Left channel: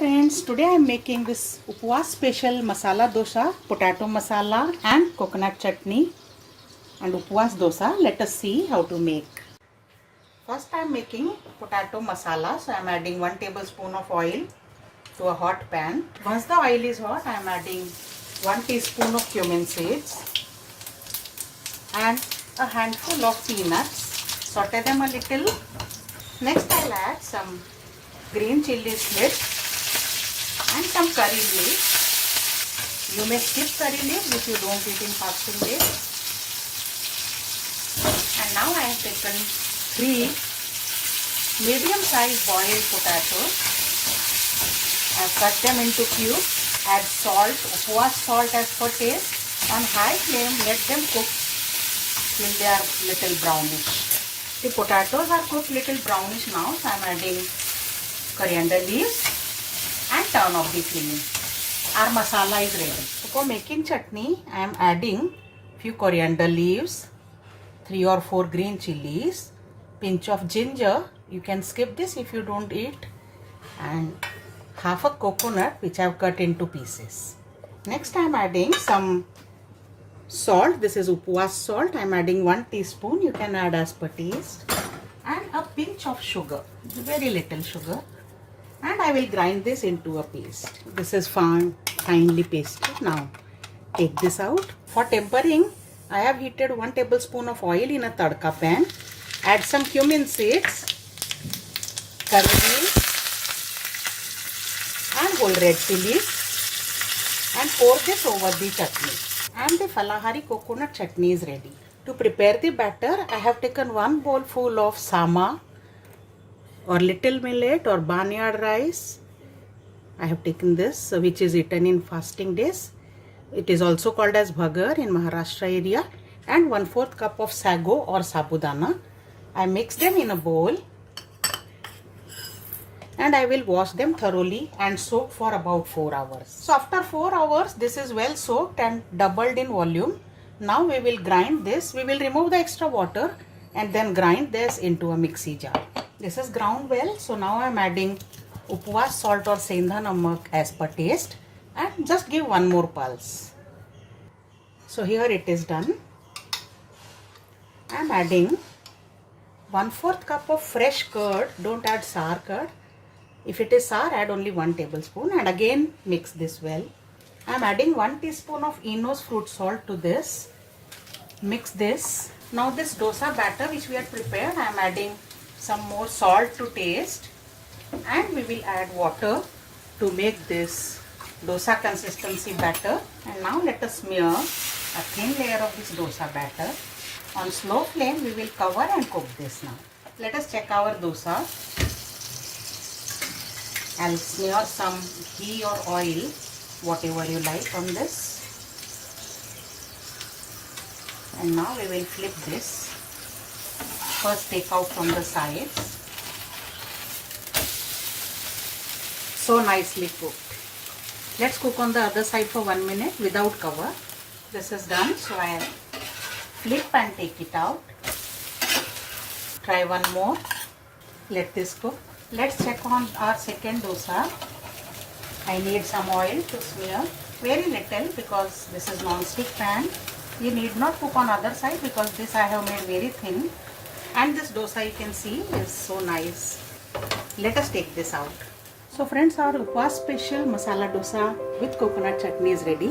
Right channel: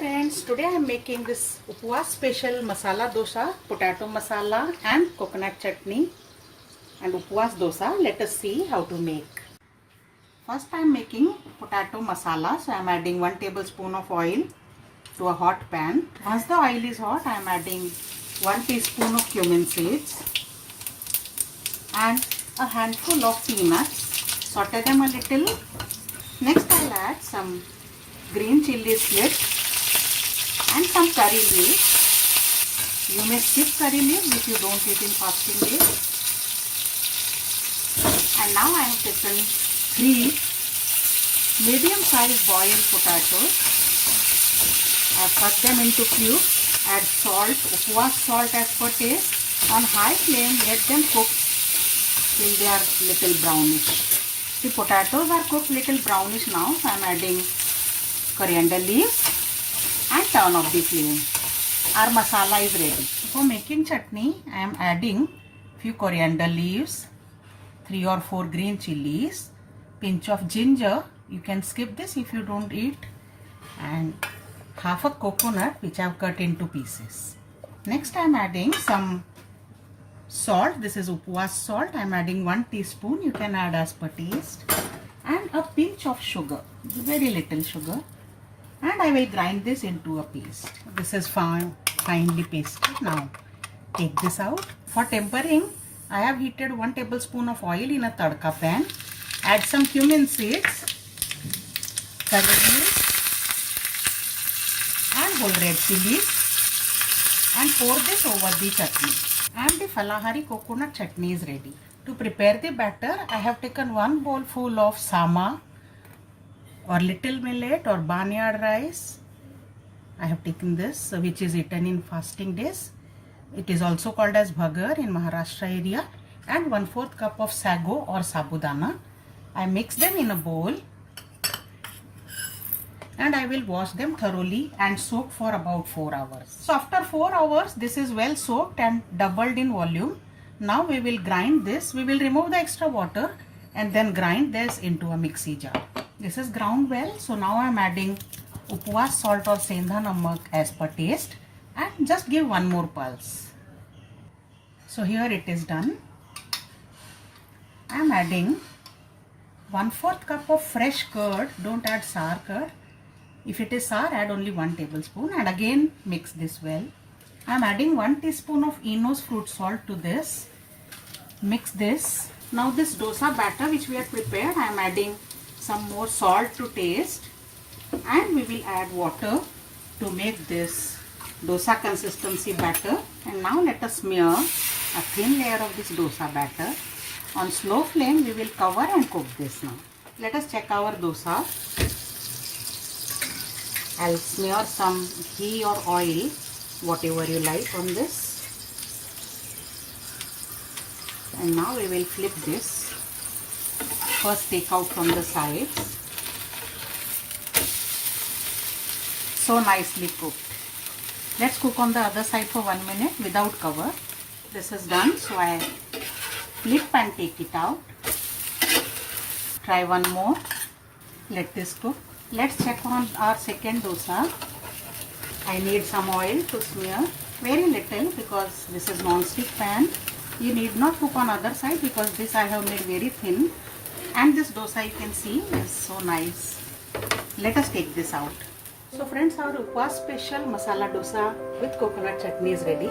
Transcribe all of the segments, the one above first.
friends, today I am making this upwas special masala dosa, potato masala and coconut chutney and upwas dosa. Let us see how to make. First I am making potato masala, so I am adding 1 tablespoon of oil to a hot pan. Once the oil is hot, I am adding 1 teaspoon of cumin seeds and a handful of peanuts. Saute them a little. Next I will add some green chilli slips and some curry leaves. You may skip curry leaves if you don't eat in fasting days. And now I have taken 3 medium-sized boiled potatoes. I have cut them into cubes. Add salt, upwas salt as per taste. On high flame, let them cook till they are little brownish. The potatoes are cooked little brownish now, so I am adding coriander leaves and turn off the flame. Our masala is ready. For making chutney, I am adding few coriander leaves, 3 or 4 green chilies, pinch of ginger. You can skip this if you don't eat, and half a coconut which I have cut into pieces. Next I am adding some salt. This is upwas salt. I am adding 1 teaspoon. You can add as per taste. And a pinch of sugar, very little sugar. And I will grind this into a paste. This is finely pasted. Now take this out. For tempering, I have heated 1 tablespoon of oil in a tadka pan. Add some cumin seeds, curry leaves and whole red chilies and pour this over the chutney. And the Falahari coconut chutney is ready. To prepare the batter, I have taken 1 bowl full of samank or little millet or barnyard rice. I have taken this, which is eaten in fasting days. It is also called as bhagar in Maharashtra area, and 1/4 cup of sago or sabudana. I mix them in a bowl and I will wash them thoroughly and soak for about 4 hours. So after 4 hours, this is well soaked and doubled in volume. Now we will grind this. We will remove the extra water and then grind this into a mixie jar. This is ground well, so now I am adding upwas salt or sendha namak as per taste and just give 1 more pulse. So here it is done. I am adding 1/4 cup of fresh curd. Don't add sour curd. If it is sour, add only 1 tablespoon and again mix this well. I am adding 1 teaspoon of Eno's fruit salt to this. Mix this. Now this dosa batter which we had prepared, I am adding some more salt to taste and we will add water to make this dosa consistency batter. And now let us smear a thin layer of this dosa batter. On slow flame we will cover and cook this now. Let us check our dosa. I'll smear some ghee or oil, whatever you like, on this. And now we will flip this. First take out from the sides. So nicely cooked. Let's cook on the other side for 1 minute without cover. This is done, so I flip and take it out. Try one more. Let this cook. Let's check on our second dosa. I need some oil to smear. Very little because this is non-stick pan. You need not cook on other side because this I have made very thin. And this dosa you can see is so nice. Let us take this out. So friends, our upwas special masala dosa with coconut chutney is ready.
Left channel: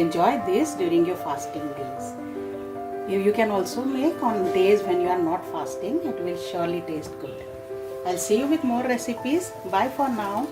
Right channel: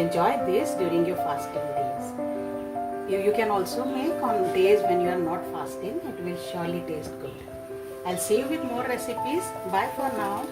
Enjoy this during your fasting days. You can also make on days when you are not fasting. It will surely taste good. I'll see you with more recipes. Bye for now.